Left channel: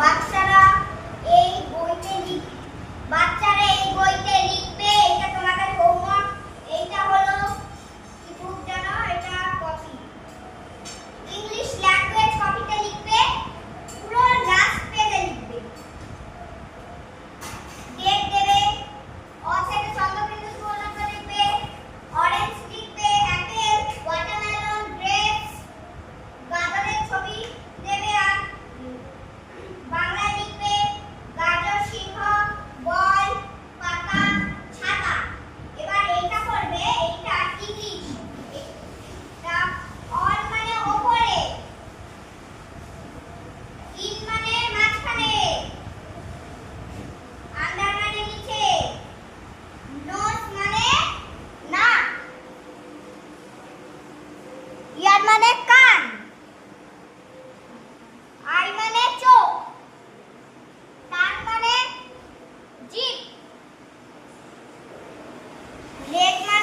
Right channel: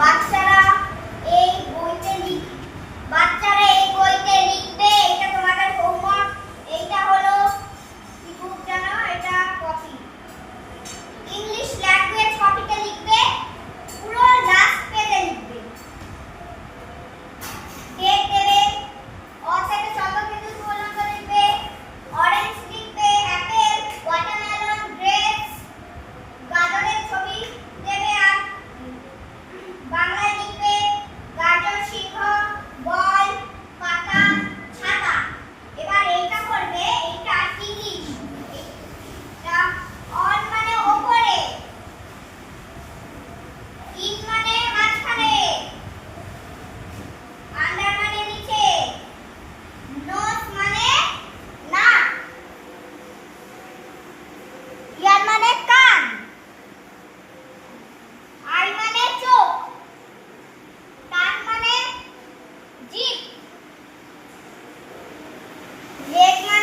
বাচ্চারা এই বইতে লিখবে। এটা তোমাদের হোমওয়ার্ক। এইটা হলো কি বুক জানো? এটা কপি। ইংলিশ ল্যাঙ্গুয়েজ কপিতে লিখবে, পুরো লাস্ট পেজে লিখবে। ডেট দেবে, অর থেকে শব্দবিন্যাস পর্যন্ত লিখবে। অরেঞ্জ লিখবে, অ্যাপেল, ওয়াটারমেলন, গ্রেপস, গাজরের ছবি দেবে। আর বাংলায় লিখবে গাজর, সিংহ, বল, পাতা, ছাতা। এবার এইটা করবে, এইটা ইংলিশ। এটা অন মানে উপরে, ইন মানে মাঝখানে, আন্ডার মানে নিচে, নোজ মানে নাক, ইয়ার মানে কান, আই মানে চোখ, টাং মানে জিভ, লেগ মানে